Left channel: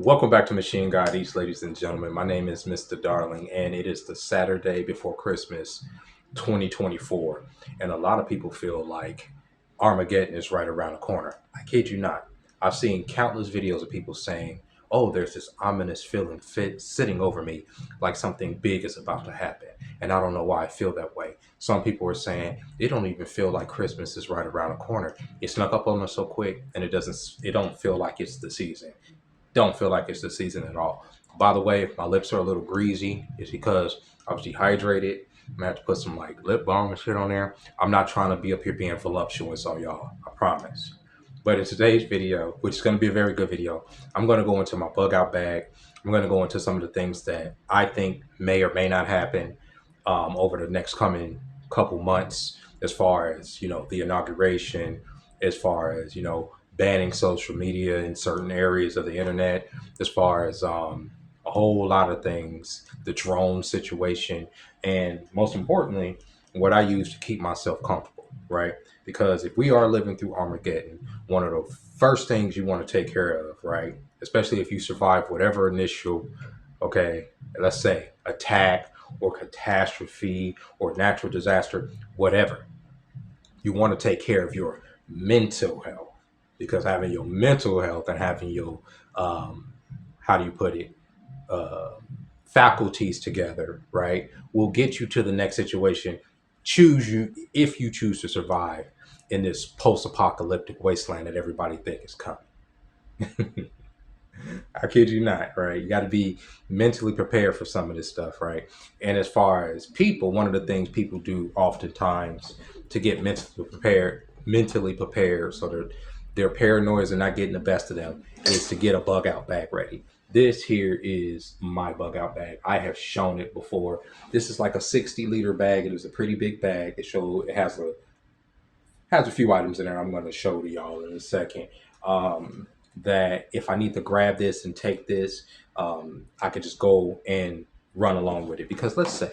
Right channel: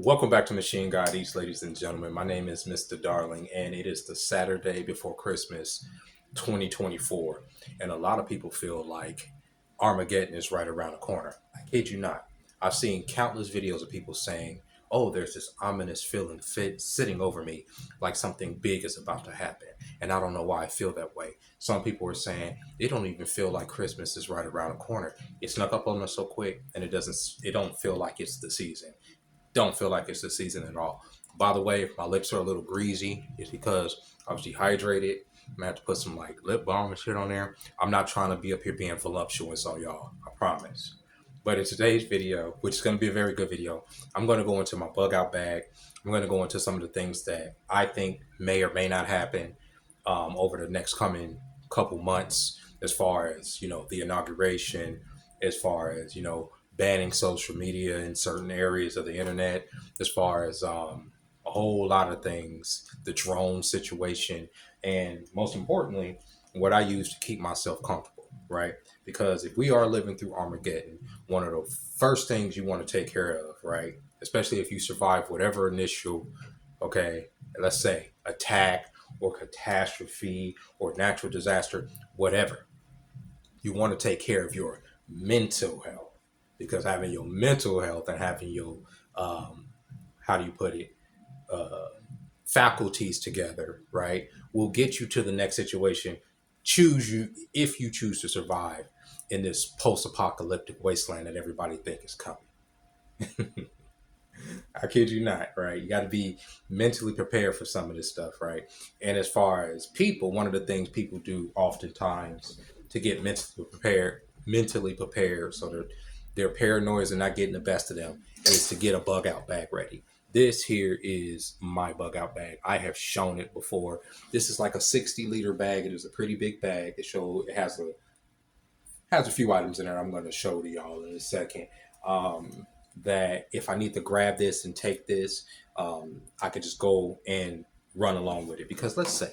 Welcome back to Machine God East, ladies and gentlemen. My name is Mr. Darling, and it is the Saturday before Christmas 2024. And a lot of people feel like Armageddon is right around the corner. I kid you not. I've seen countless videos of people saying, oh, there's this ominous feeling sitting over me like something big is about to happen. And I don't know why I feel that way. Some people are saying it don't even feel like Christmas is right around the corner. It snuck up on us so quick, and it don't feel like it's the season. Don't feel like it's the season at all. By the way, if my lips are a little greasy, it's because I was dehydrated. I'm gonna have to put some like lip balm and shit on there. I'm not trying to be up here being voluptuous on y'all. I promise. But in today's video, which is going to be a very good video, I'm going to go into my bug out bag. I'm going to go into some of the things that I think may or may not happen over the next coming couple months, as far as, the inauguration, as far as, banning social media in certain areas of the internet, as far as a whole lot of things, the drone situation, and most importantly, what I use to keep myself comfortable, right? Because if we are living through Armageddon, one of the first things you want to take care of, right? Especially if you survive whatever initial, okay, let's say attack or catastrophe or natural disaster, whatever, you want to take care of your mental health, because having your mental health and having your how do you put it, uh, faculties together, right, will get you to the next situation. Choose you if you choose to survive in this post-apocalyptic wasteland that everybody think is coming. I kid you not, right? You got to be mentally prepared for some of this stuff, right? And as far as people, one of the things people do oftentimes to get mentally prepared, so that their paranoias are not getting the best of them, is to get a bug out bag ready. This here is my bug out bag. I have shown it before. This is like a 60-liter bag. It is a pretty big bag. It has a few items in there I'm going to show to y'all in a second. That if I need to grab this and take this, I could just go and run along with it. Because let's say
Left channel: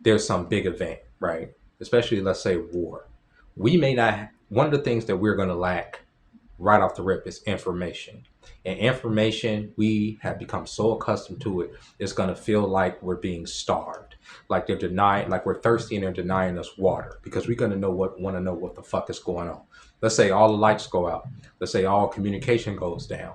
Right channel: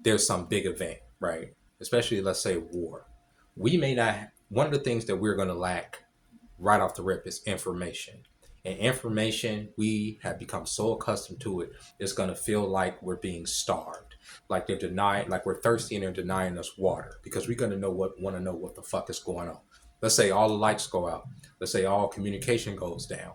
there's some big event, right? Especially, let's say, war. We may not, one of the things that we're going to lack right off the rip is information. And information, we have become so accustomed to it, it's going to feel like we're being starved. Like they're denying, like we're thirsty and they're denying us water, because we're going to want to know what the fuck is going on. Let's say all the lights go out. Let's say all communication goes down.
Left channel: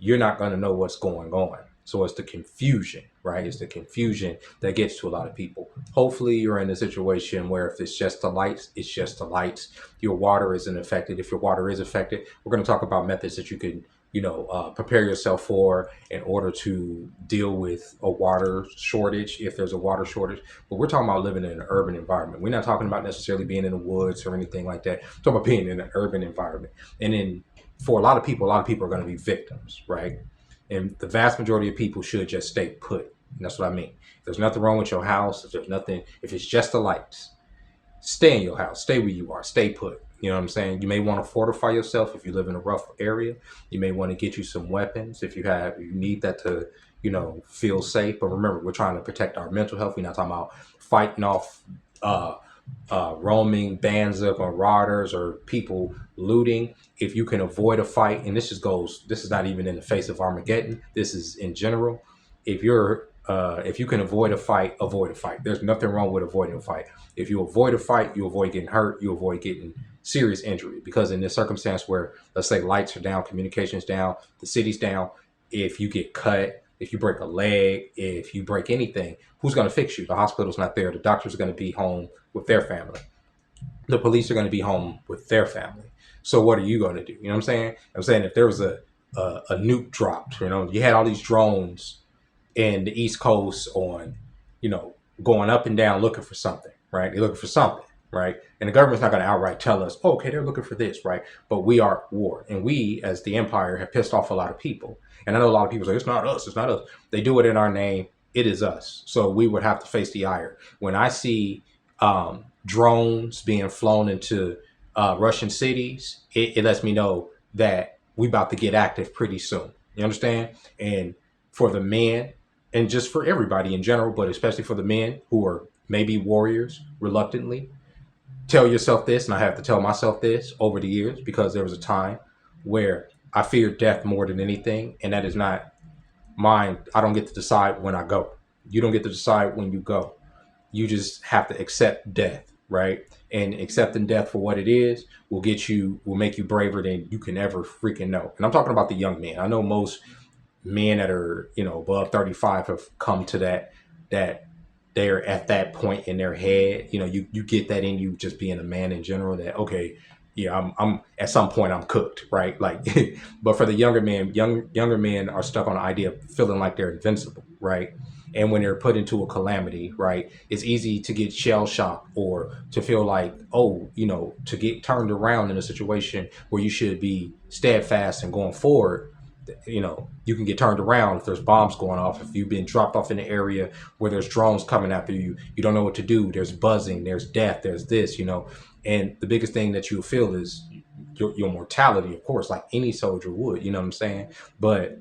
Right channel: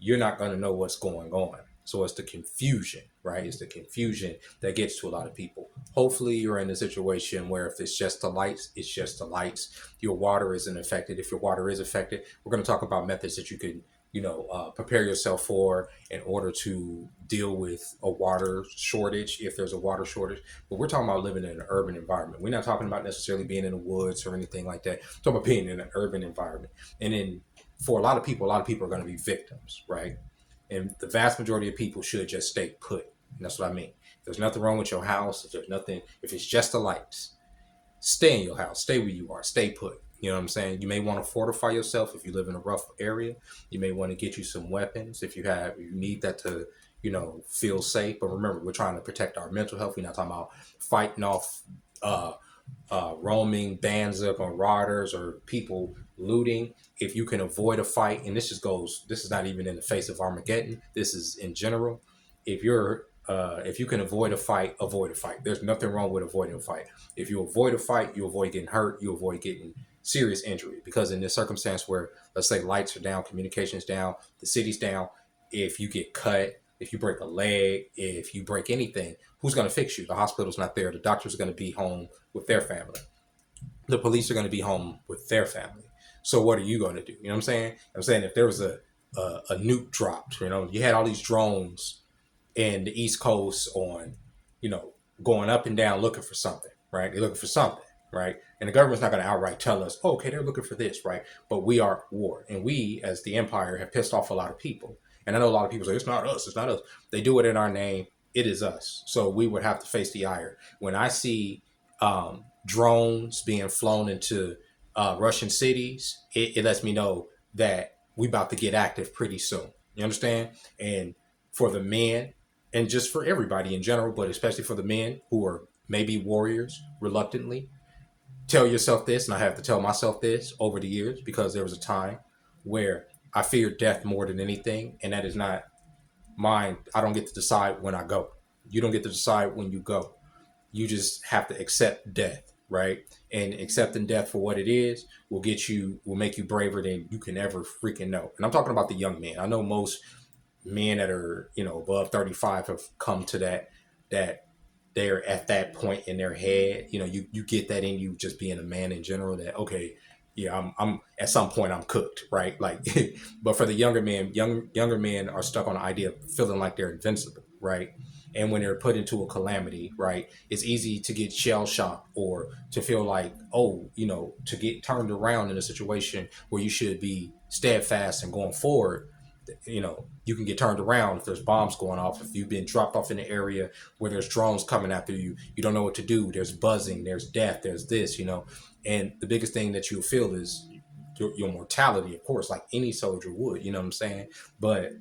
You're not going to know what's going on. So it's the confusion, right? It's the confusion that gets to a lot of people. Hopefully you're in a situation where if it's just the lights, it's just the lights. Your water isn't affected. If your water is affected, we're going to talk about methods that you can, prepare yourself for in order to deal with a water shortage, if there's a water shortage. But we're talking about living in an urban environment. We're not talking about necessarily being in the woods or anything like that. We're talking about being in an urban environment. And then for a lot of people are going to be victims, right? And the vast majority of people should just stay put. And that's what I mean. If there's nothing wrong with your house, if it's just the lights, stay in your house, stay where you are, stay put. You know what I'm saying? You may want to fortify yourself if you live in a rough area. You may want to get you some weapons if you need that to, feel safe. But remember, we're trying to protect our mental health. We're not talking about fighting off roaming bands of marauders or people looting. If you can avoid a fight, and this is not even in the face of Armageddon, this is in general. If you can avoid a fight, avoid a fight. There's nothing wrong with avoiding a fight. If you avoid a fight, you avoid getting hurt, you avoid getting serious injury. Because in this circumstance where, let's say, lights are down, communications down, the city's down, if you get cut, if you break a leg, if you break anything, who's going to fix you? The hospital's not there. The doctor's going to be home with their family. The police are going to be home with their family. So what are you going to do? You know what I'm saying? I'm saying if there was a nuke dropped, you had all these drones in the East Coast on, going up and down looking for something, right? They're looking for something, right? And the government's not going to outright tell us, oh, okay, they're looking for this, right? But we are at war. And we, as the empire, have pissed off a lot of people. And I know a lot of people say, it's not us, it's not us. They do it in our name. It is us. So we would have to face the ire. When I see drones being flown into Russian cities, it lets me know that we about to get active pretty soon. You understand? And for the men, and just for everybody in general, but especially for the men who are maybe warriors reluctantly, tell yourself this, and I have to tell myself this over the years, because there was a time where I fear death more than anything, and that is not mine. I don't get to decide when I go. You don't get to decide when you go. You just have to accept death, right? And accepting death for what it is will make you braver than you can ever freaking know. And I'm talking about the young men. I know most men that are, above 35 have come to that they're at that point in their head. You get that in you just being a man in general, that okay, yeah, I'm at some point I'm cooked, right? Like but for the younger men are stuck on the idea of feeling like they're invincible, right? And when they're put into a calamity, right, it's easy to get shell shocked or to feel like, oh, to get turned around in a situation where you should be steadfast and going forward. You can get turned around if there's bombs going off, if you've been dropped off in an area where there's drones coming after you, you don't know what to do, there's buzzing, there's death, there's this, and the biggest thing that you'll feel is your mortality, of course, like any soldier would, you know what I'm saying? But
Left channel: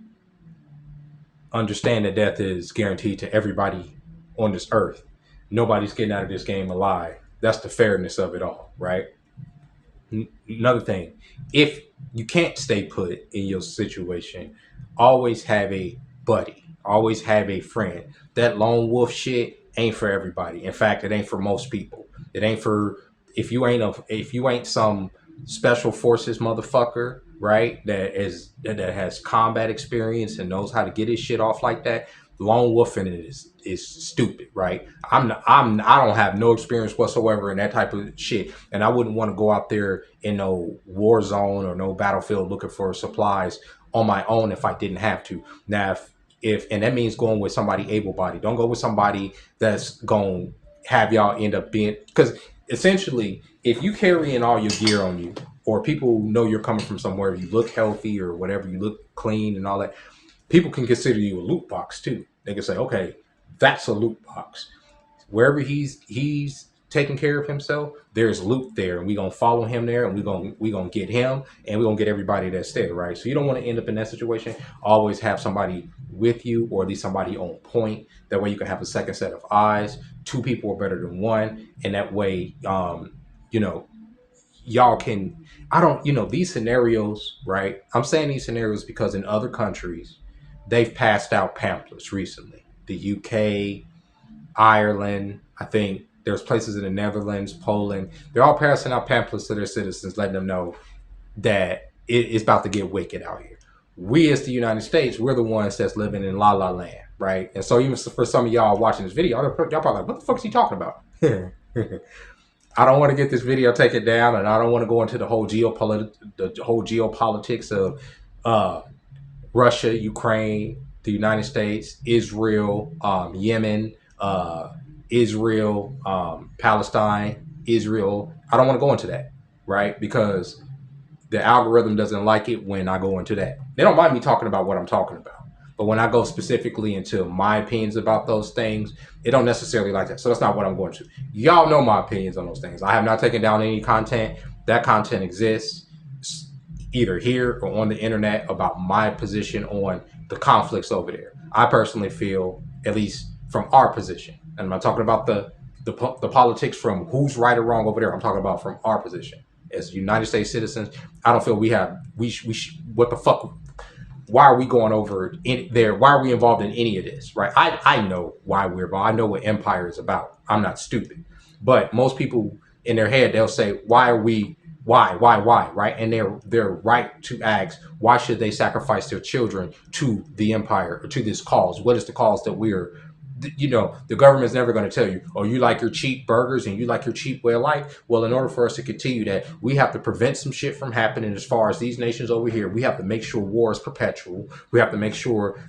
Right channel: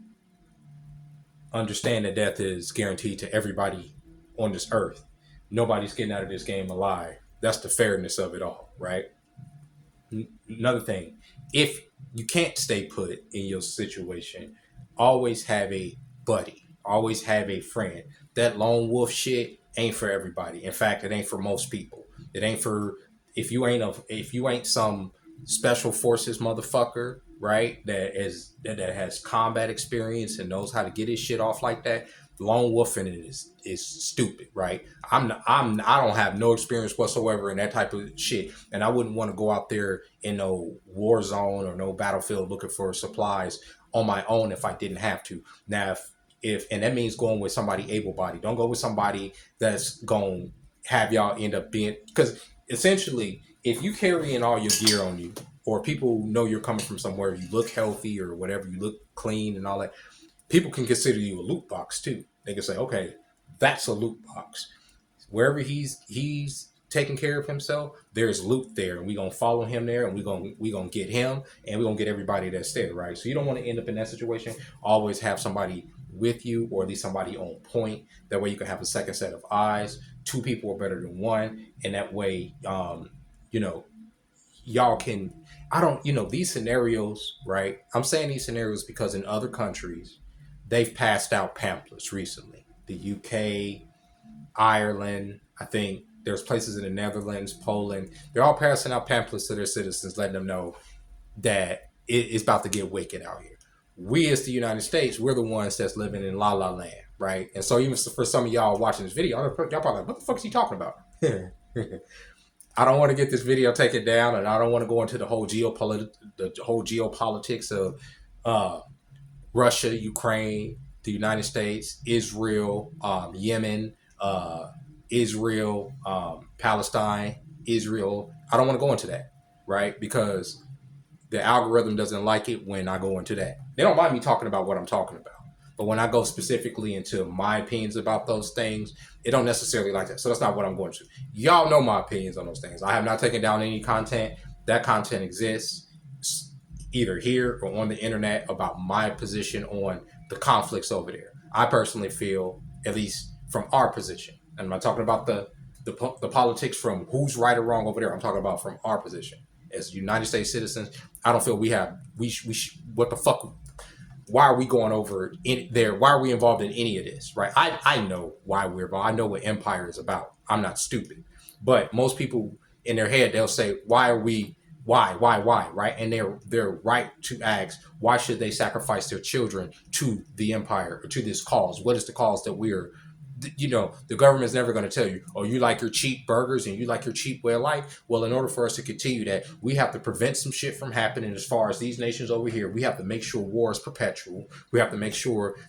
understand that death is guaranteed to everybody on this earth. Nobody's getting out of this game alive. That's the fairness of it all, right? Another thing, if you can't stay put in your situation, always have a buddy, always have a friend. That lone wolf shit ain't for everybody. In fact, it ain't for most people. It ain't for if you ain't some special forces motherfucker, right? That has combat experience and knows how to get his shit off like that. Lone wolfing is stupid, right? I don't have no experience whatsoever in that type of shit, and I wouldn't want to go out there in no war zone or no battlefield looking for supplies on my own if I didn't have to. Now, if and that means going with somebody able-bodied. Don't go with somebody that's going to have y'all end up being, because essentially, if you carrying all your gear on you, or people know you're coming from somewhere, you look healthy or whatever, you look clean and all that, people can consider you a loot box too. They can say, okay, that's a loot box. Wherever he's taking care of himself, there's loot there, and we're gonna follow him there, and we gonna get him, and we're gonna get everybody that's there, right? So you don't want to end up in that situation. Always have somebody with you, or at least somebody on point. That way you can have a second set of eyes. Two people are better than one, and that way, y'all can. I don't, these scenarios, right? I'm saying these scenarios because in other countries, they've passed out pamphlets recently. The UK, Ireland, I think there's places in the Netherlands, Poland. They're all passing out pamphlets to their citizens, letting them know that it's about to get wicked out here. We, as the United States, we're the ones that's living in la la land, right? And so even for some of y'all watching this video, y'all probably like, what the fuck is he talking about? I don't want to get this video taken down, and I don't want to go into the whole geopolitics of Russia, Ukraine, the United States, Israel, Yemen, Israel, Palestine, Israel. I don't want to go into that, right? Because the algorithm doesn't like it when I go into that. They don't mind me talking about what I'm talking about. But when I go specifically into my opinions about those things, it don't necessarily like that. So that's not what I'm going to. Y'all know my opinions on those things. I have not taken down any content. That content exists either here or on the internet about my position on the conflicts over there. I personally feel, at least from our position, and I'm not talking about the politics from who's right or wrong over there. I'm talking about from our position as United States citizens. I don't feel what the fuck. Why are we going over in there? Why are we involved in any of this, right? I know why we're involved. I know what empire is about. I'm not stupid. But most people in their head, they'll say, why, right? And they're right to ask, why should they sacrifice their children to the empire or to this cause? What is the cause that the government's never going to tell you, oh, you like your cheap burgers and you like your cheap way of life. Well, in order for us to continue that, we have to prevent some shit from happening. As far as these nations over here, we have to make sure war is perpetual. We have to make sure,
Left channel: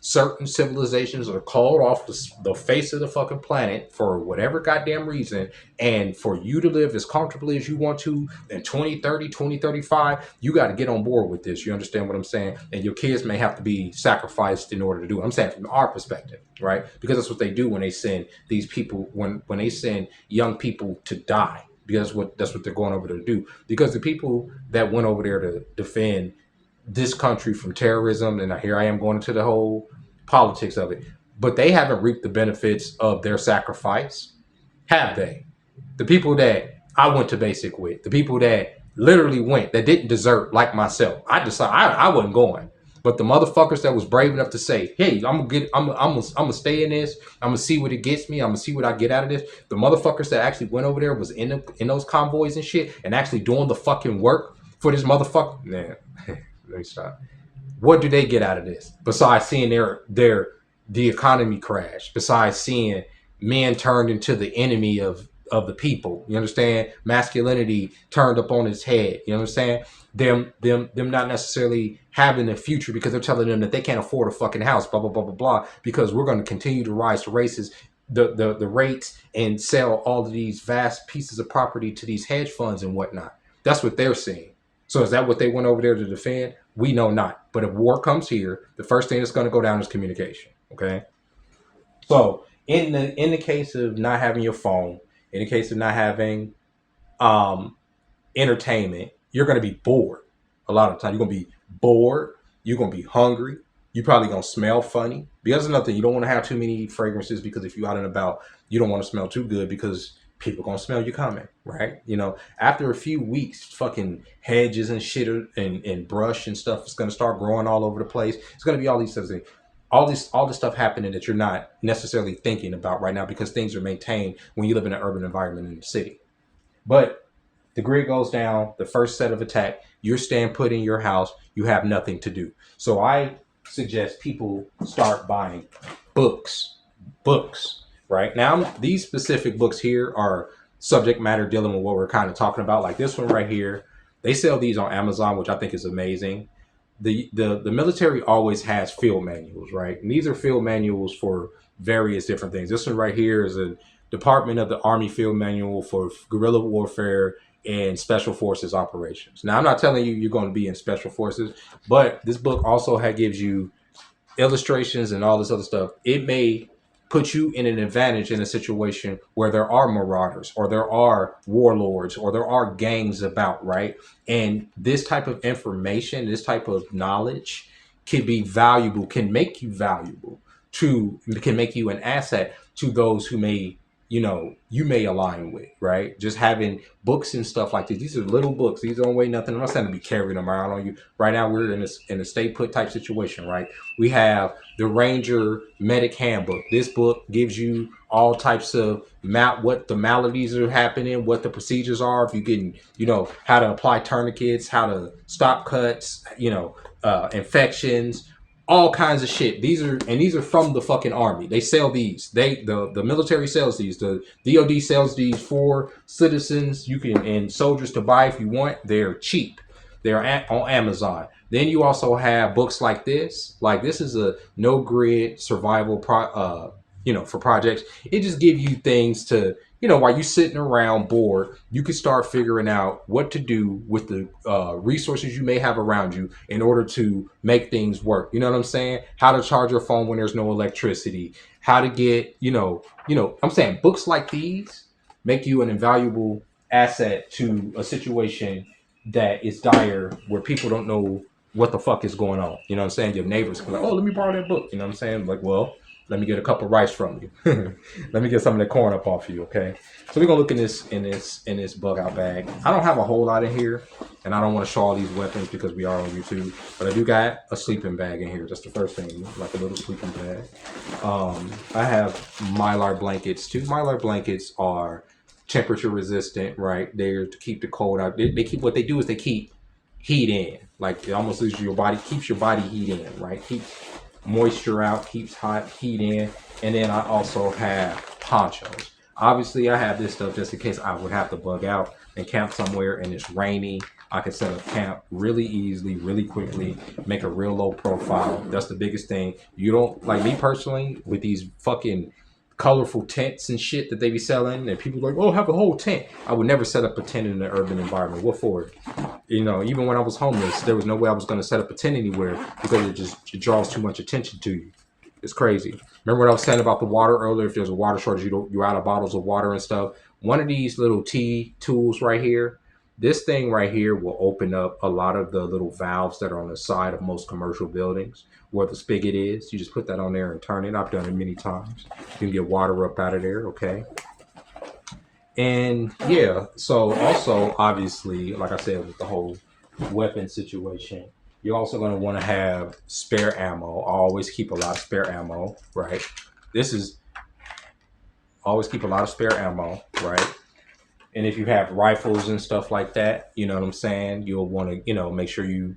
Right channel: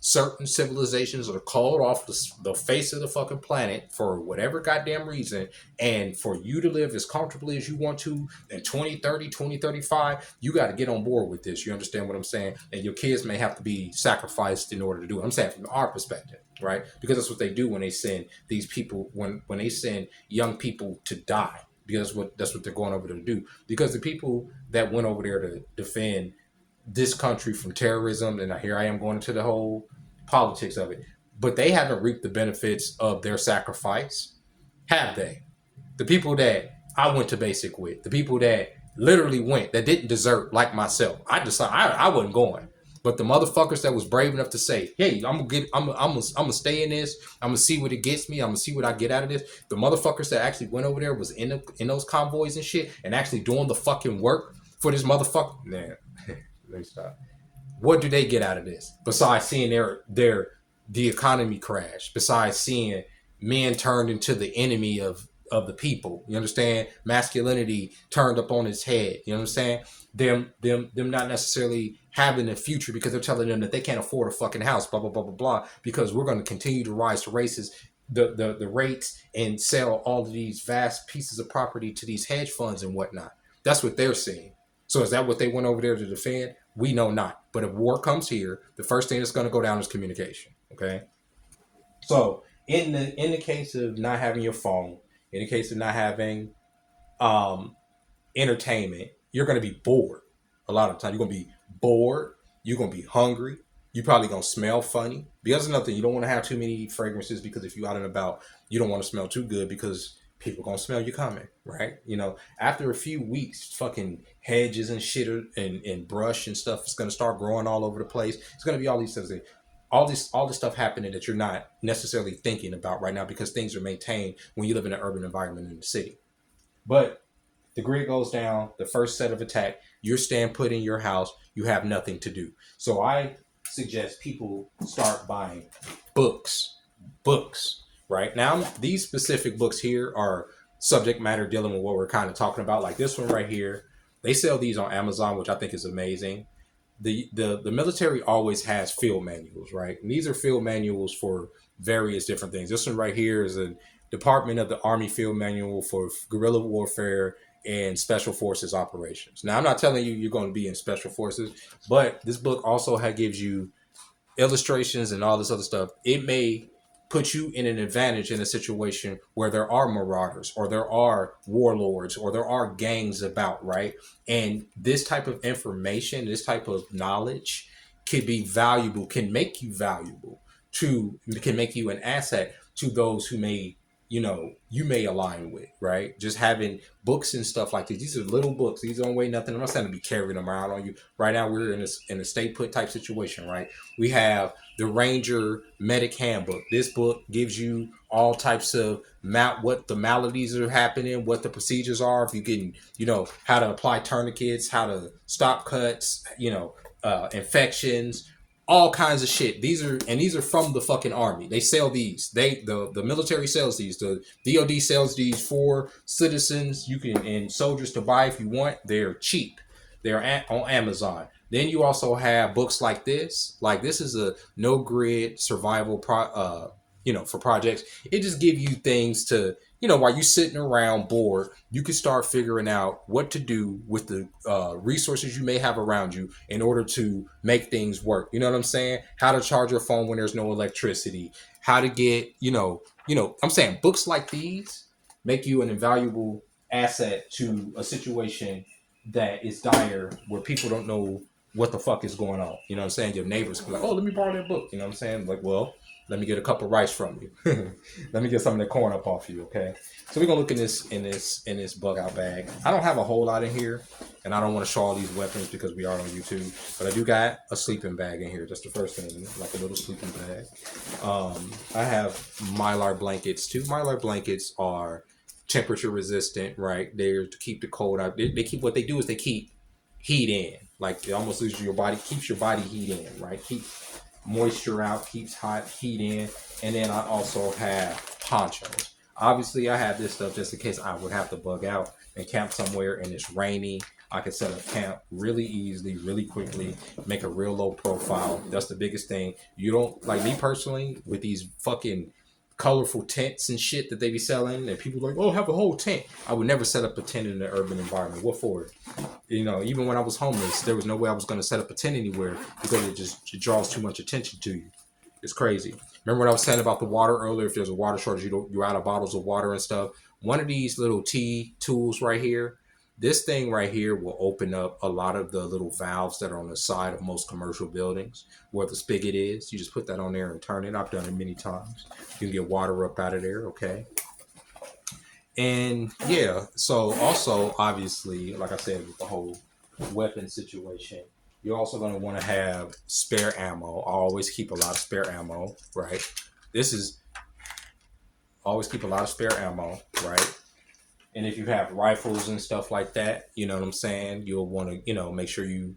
certain civilizations are called off the face of the fucking planet for whatever goddamn reason. And for you to live as comfortably as you want to in 2030, 2035, you got to get on board with this. You understand what I'm saying? And your kids may have to be sacrificed in order to do it. I'm saying from our perspective, right? Because that's what they do when they send these people, when they send young people to die. Because that's what they're going over there to do. Because the people that went over there to defend this country from terrorism, and here I am going into the whole politics of it, but they haven't reaped the benefits of their sacrifice, have they? The people that I went to basic with, the people that literally went, that didn't desert like myself. I decided I wasn't going. But the motherfuckers that was brave enough to say, "Hey, I'm gonna stay in this. I'm gonna see what it gets me. I'm gonna see what I get out of this." The motherfuckers that actually went over there was in those convoys and shit, and actually doing the fucking work for this motherfucker. Man, let me stop. What do they get out of this besides seeing the economy crash? Besides seeing men turned into the enemy of the people, you understand? Masculinity turned up on its head. You know what I'm saying? Them not necessarily having a future because they're telling them that they can't afford a fucking house. Blah blah blah blah blah. Because we're going to continue to rise to races. The rates and sell all of these vast pieces of property to these hedge funds and whatnot. That's what they're seeing. So is that what they went over there to defend? We know not. But if war comes here, the first thing that's going to go down is communication. Okay. So in the case of not having your phone, in the case of not having um, entertainment, you're going to be bored. A lot of the time, you're going to be bored. You're going to be hungry. You're probably going to smell funny. Because another thing, you don't want to have too many fragrances because if you're out and about, you don't want to smell too good because people going to smell you coming, right? You know, after a few weeks, fucking hedges and shit and brush and stuff is going to start growing all over the place. It's going to be all these things. All this stuff happening that you're not necessarily thinking about right now because things are maintained when you live in an urban environment in the city. But the grid goes down, the first set of attack, you're staying put in your house, you have nothing to do. So I suggest people start buying books. Books, right? Now, these specific books here are subject matter dealing with what we're kind of talking about. Like this one right here, they sell these on Amazon, which I think is amazing. The military always has field manuals, right? And these are field manuals for various different things. This one right here is a Department of the Army field manual for guerrilla warfare and special forces operations. Now, I'm not telling you you're going to be in special forces, but this book also gives you illustrations and all this other stuff. It may put you in an advantage in a situation where there are marauders or there are warlords or there are gangs about, right? And this type of information, this type of knowledge can be valuable, can make you valuable can make you an asset to those who may, you may align with, right? Just having books and stuff like this. These are little books. These don't weigh nothing. I'm not saying to be carrying them around on you. Right now, we're in a stay put type situation, right? We have the Ranger Medic Handbook. This book gives you all types of what the maladies are happening, what the procedures are. If you're getting, how to apply tourniquets, how to stop cuts, infections, all kinds of shit. These are from the fucking army. They sell these. The military sells these. The DoD sells these for citizens. You can and soldiers to buy if you want. They're cheap. They're on Amazon. Then you also have books like this. Like this is a no grid survival for projects. It just gives you things to, while you're sitting around bored, you can start figuring out what to do with the resources you may have around you in order to make things work. You know what I'm saying? How to charge your phone when there's no electricity. How to get, I'm saying books like these make you an invaluable asset to a situation that is dire where people don't know what the fuck is going on. You know what I'm saying? Your neighbors come like, oh, let me borrow that book. You know what I'm saying? Like, well, let me get a cup of rice from you. Let me get some of the corn up off you, okay? So we're gonna look in this bug out bag. I don't have a whole lot in here, and I don't want to show all these weapons because we are on YouTube. But I do got a sleeping bag in here. That's the first thing, like a little sleeping bag. I have Mylar blankets too. Mylar blankets are temperature resistant, right? They're to keep the cold out. They keep what they do is they keep heat in. Like it almost keeps your body heat in, right? Keeps moisture out, keeps hot heat in. And then I also have ponchos. Obviously, I have this stuff just in case I would have to bug out and camp somewhere and it's rainy. I can set up camp really easily, really quickly, make a real low profile. That's the biggest thing. You don't, like me personally, with these fucking colorful tents and shit that they be selling, and people like, oh, have a whole tent. I would never set up a tent in an urban environment. What for? Even when I was homeless, there was no way I was going to set up a tent anywhere because it draws too much attention to you. It's crazy. Remember what I was saying about the water earlier? If there's a water shortage, you're out of bottles of water and stuff. One of these little T tools right here, this thing right here will open up a lot of the little valves that are on the side of most commercial buildings where the spigot is. You just put that on there and turn it. I've done it many times. You can get water up out of there, okay? And yeah, so also obviously, like I said, with the whole weapon situation, you're also going to want to have spare ammo. Always keep a lot of spare ammo, right? This is always keep a lot of spare ammo, right? And if you have rifles and stuff like that, you know what I'm saying, you'll want to, make sure you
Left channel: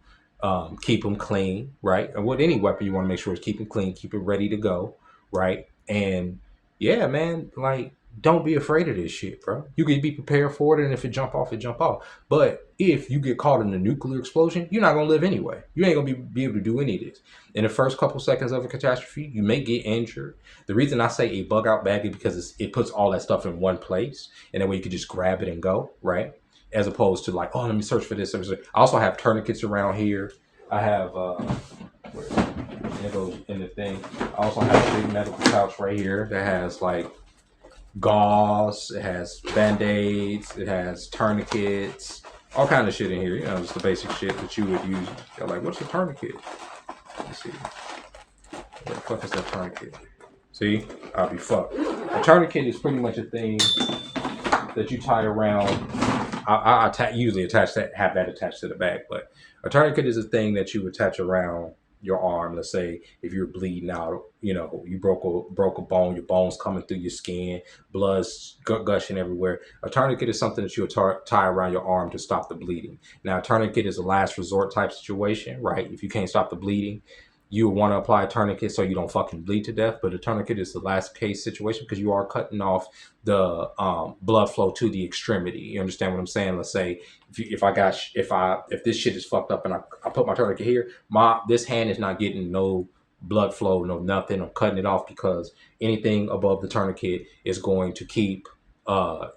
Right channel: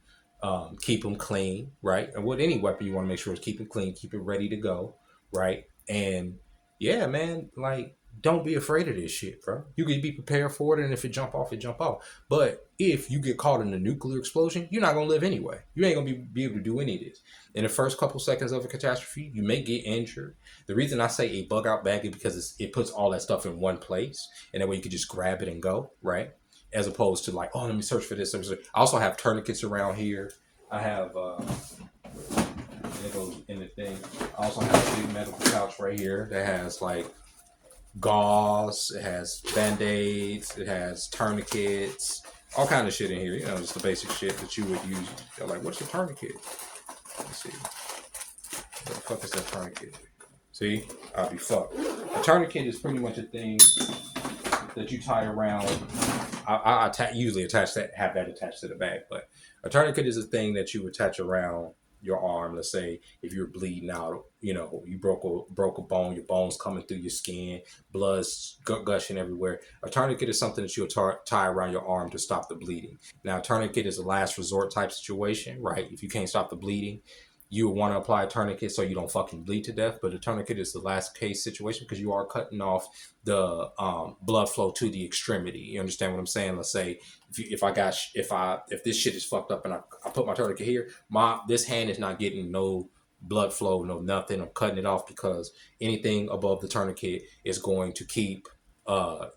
keep them clean, right? And with any weapon, you want to make sure it's keep it clean, keep it ready to go, right? And yeah, man, like don't be afraid of this shit, bro. You can be prepared for it, and if it jump off, it jump off. But if you get caught in a nuclear explosion, you're not gonna live anyway. You ain't gonna be able to do any of this. In the first couple seconds of a catastrophe, you may get injured. The reason I say a bug out bag is because it puts all that stuff in one place, and that way you can just grab it and go, right? As opposed to like, oh, let me search for this. I also have tourniquets around here. I have it goes in the thing. I also have a big medical pouch right here that has like gauze, it has band-aids, it has tourniquets, all kind of shit in here. Just the basic shit that you would use. They're like, what's your tourniquet? Let me see. What the fuck is that tourniquet? See, I'll be fucked. A tourniquet is pretty much a thing that you tie around. I usually have that attached to the back, but a tourniquet is a thing that you attach around your arm. Let's say if you're bleeding out, you broke a bone, your bones coming through your skin, blood's gushing everywhere. A tourniquet is something that you tie around your arm to stop the bleeding. Now, a tourniquet is a last resort type situation, right? If you can't stop the bleeding, you would want to apply a tourniquet so you don't fucking bleed to death. But a tourniquet is the last case situation because you are cutting off the blood flow to the extremity. You understand what I'm saying? Let's say if this shit is fucked up and I put my tourniquet here, this hand is not getting no blood flow, no nothing. I'm cutting it off because anything above the tourniquet is going to keep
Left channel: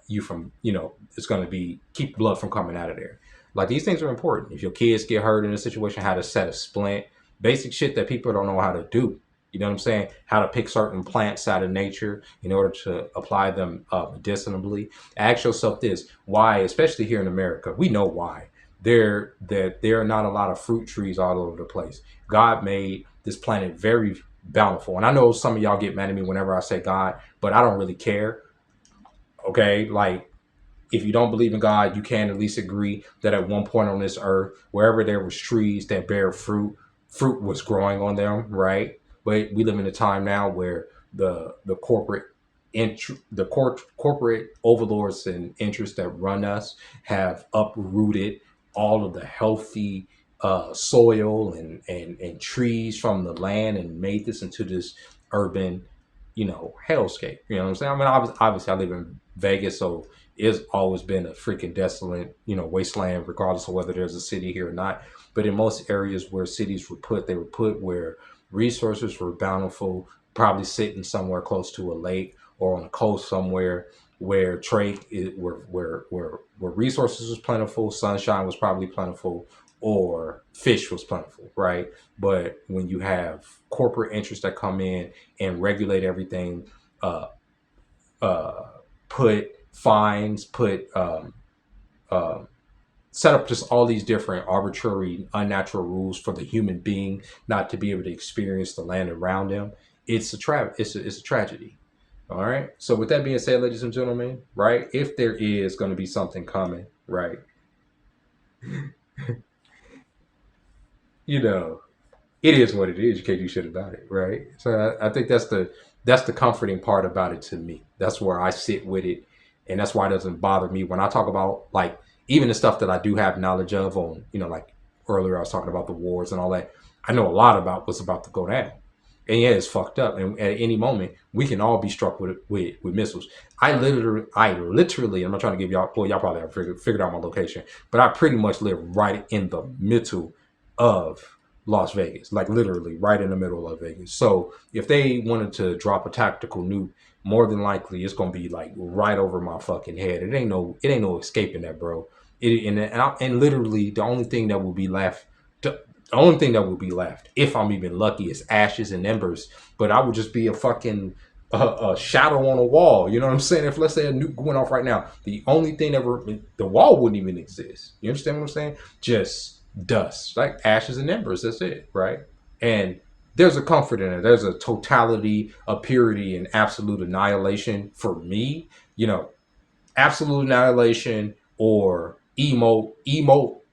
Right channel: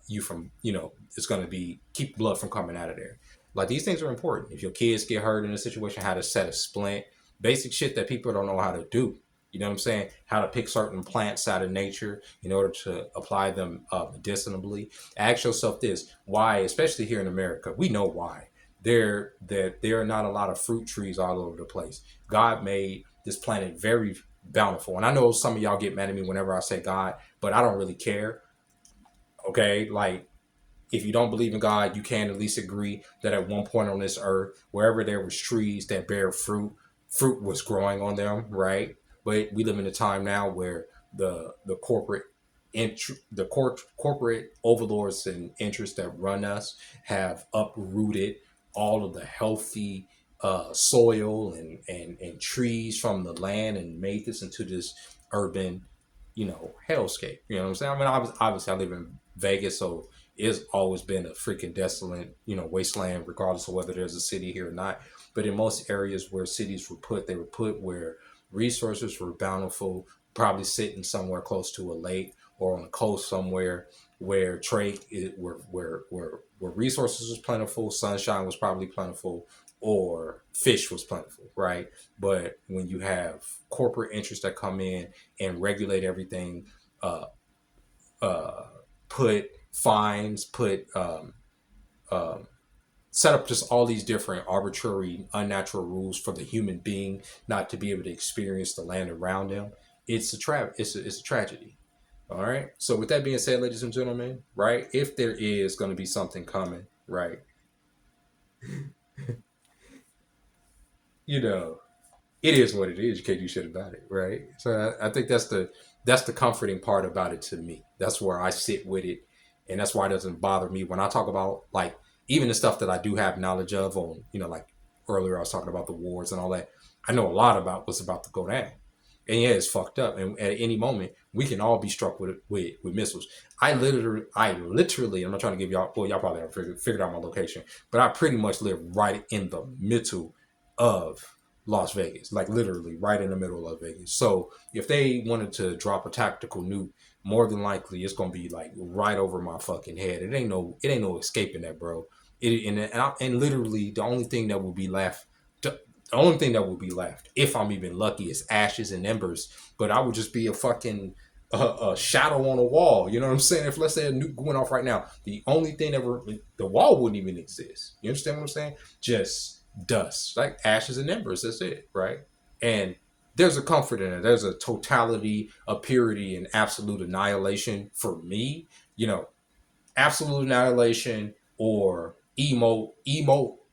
you from, it's going to keep blood from coming out of there. Like, these things are important. If your kids get hurt in a situation, how to set a splint, basic shit that people don't know how to do. You know what I'm saying? How to pick certain plants out of nature in order to apply them medicinally. Ask yourself this: why, especially here in America, we know why. There are not a lot of fruit trees all over the place. God made this planet very bountiful, and I know some of y'all get mad at me whenever I say God, but I don't really care. Okay, like, if you don't believe in God, you can at least agree that at one point on this earth, wherever there was trees that bear fruit was growing on them, right? But we live in a time now where the corporate corporate overlords and interests that run us have uprooted all of the healthy soil and trees from the land and made this into this urban, hellscape. You know what I'm saying? I mean, obviously I live in Vegas, so it's always been a freaking desolate, wasteland, regardless of whether there's a city here or not. But in most areas where cities were put, they were put where resources were bountiful, probably sitting somewhere close to a lake or on a coast somewhere where where resources was plentiful, sunshine was probably plentiful, or fish was plentiful, right? But when you have corporate interests that come in and regulate everything, uh, put fines, set up just all these different arbitrary, unnatural rules for the human being not to be able to experience the land around them. It's a tragedy. All right. So with that being said, ladies and gentlemen, right? If there is going to be something coming, right? It is what it is. You can't do shit about it, right? So I think that's the comforting part about it to me. That's where I sit with it, and that's why it doesn't bother me when I talk about, like, even the stuff that I do have knowledge of on, like earlier I was talking about the wars and all that. I know a lot about what's about to go down, and yeah, it's fucked up. And at any moment, we can all be struck with missiles. I literally, I'm not trying to give y'all. Well, y'all probably have figured out my location, but I pretty much live right in the middle of Las Vegas, like literally right in the middle of Vegas. So if they wanted to drop a tactical nuke, more than likely it's gonna be like right over my fucking head. It ain't no escaping that, bro. And literally the only thing that will be left, if I'm even lucky, is ashes and embers. But I would just be a fucking a shadow on a wall. You know what I'm saying? If, let's say, a nuke went off right now, the only thing the wall wouldn't even exist. You understand what I'm saying? Just dust, like ashes and embers. That's it, right? And there's a comfort in it. There's a totality, a purity, and absolute annihilation for me. absolute annihilation or emolation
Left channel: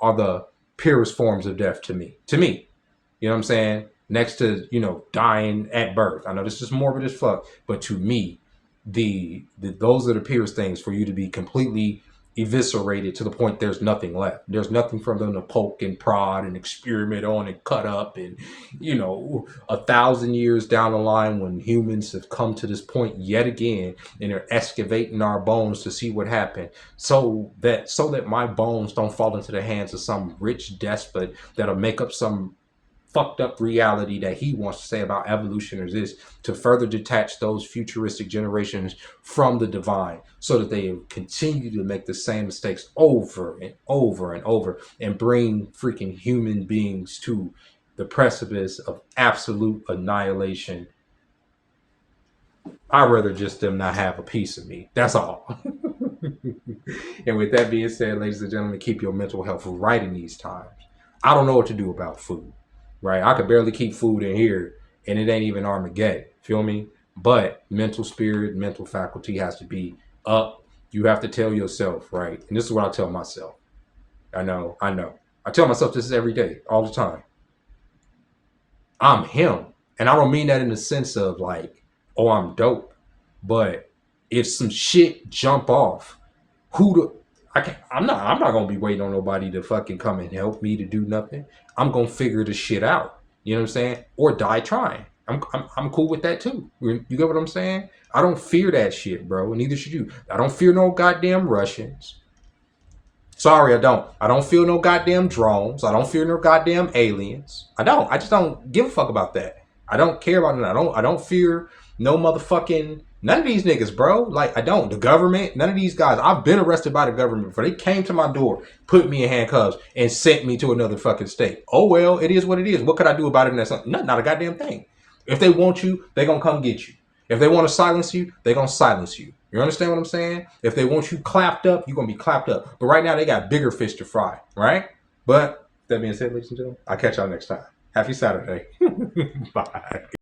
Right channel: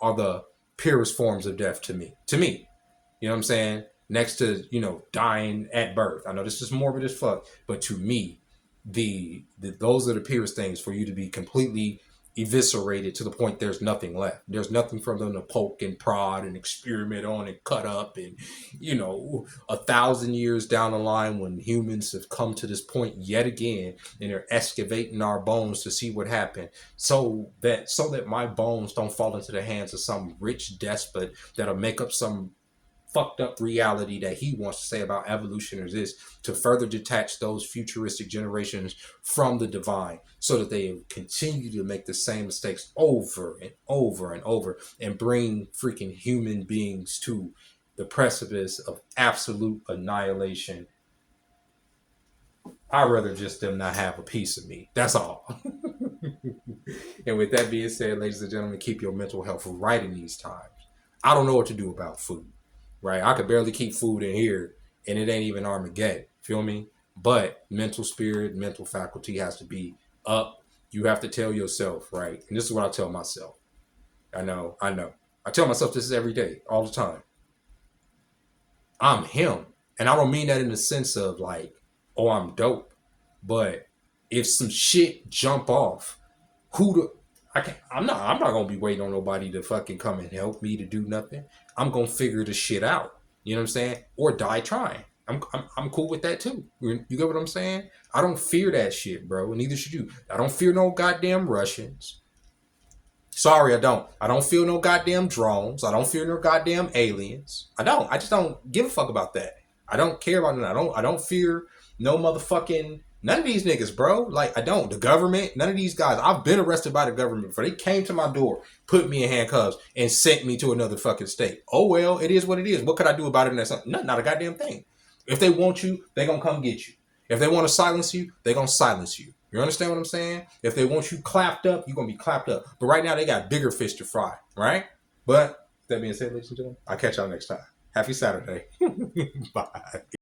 are the purest forms of death to me. You know what I'm saying? Next to, dying at birth. I know this is morbid as fuck, but to me, those are the purest things, for you to be completely eviscerated to the point there's nothing left. There's nothing for them to poke and prod and experiment on and cut up. And 1,000 years down the line, when humans have come to this point yet again and they're excavating our bones to see what happened, so that my bones don't fall into the hands of some rich despot that'll make up some fucked up reality that he wants to say about evolution or this, to further detach those futuristic generations from the divine, so that they continue to make the same mistakes over and over and over, and bring freaking human beings to the precipice of absolute annihilation. I'd rather just them not have a piece of me. That's all. And with that being said, ladies and gentlemen, keep your mental health right in these times. I don't know what to do about food. Right? I could barely keep food in here, and it ain't even Armageddon. Feel me? But mental spirit, mental faculty has to be up. You have to tell yourself, right? And this is what I tell myself. I know. I tell myself this every day, all the time. I'm him. And I don't mean that in the sense of like, oh, I'm dope. But if some shit jump off, I'm not gonna be waiting on nobody to fucking come and help me to do nothing. I'm gonna figure the shit out. You know what I'm saying? Or die trying. I'm cool with that too. You get what I'm saying? I don't fear that shit, bro. And neither should you. I don't fear no goddamn Russians. Sorry, I don't. I don't fear no goddamn drones. I don't fear no goddamn aliens. I don't. I just don't give a fuck about that. I don't care about that. I don't fear no motherfucking none of these niggas, bro. Like, I don't. The government, none of these guys. I've been arrested by the government before. They came to my door, put me in handcuffs, and sent me to another fucking state. Oh, well, it is what it is. What could I do about it? And that's not a goddamn thing. If they want you, they gonna come get you. If they want to silence you, they gonna silence you. You understand what I'm saying? If they want you clapped up, you're gonna be clapped up. But right now, they got bigger fish to fry, right? But that being said, ladies and gentlemen, I'll catch y'all next time. Happy Saturday. Bye.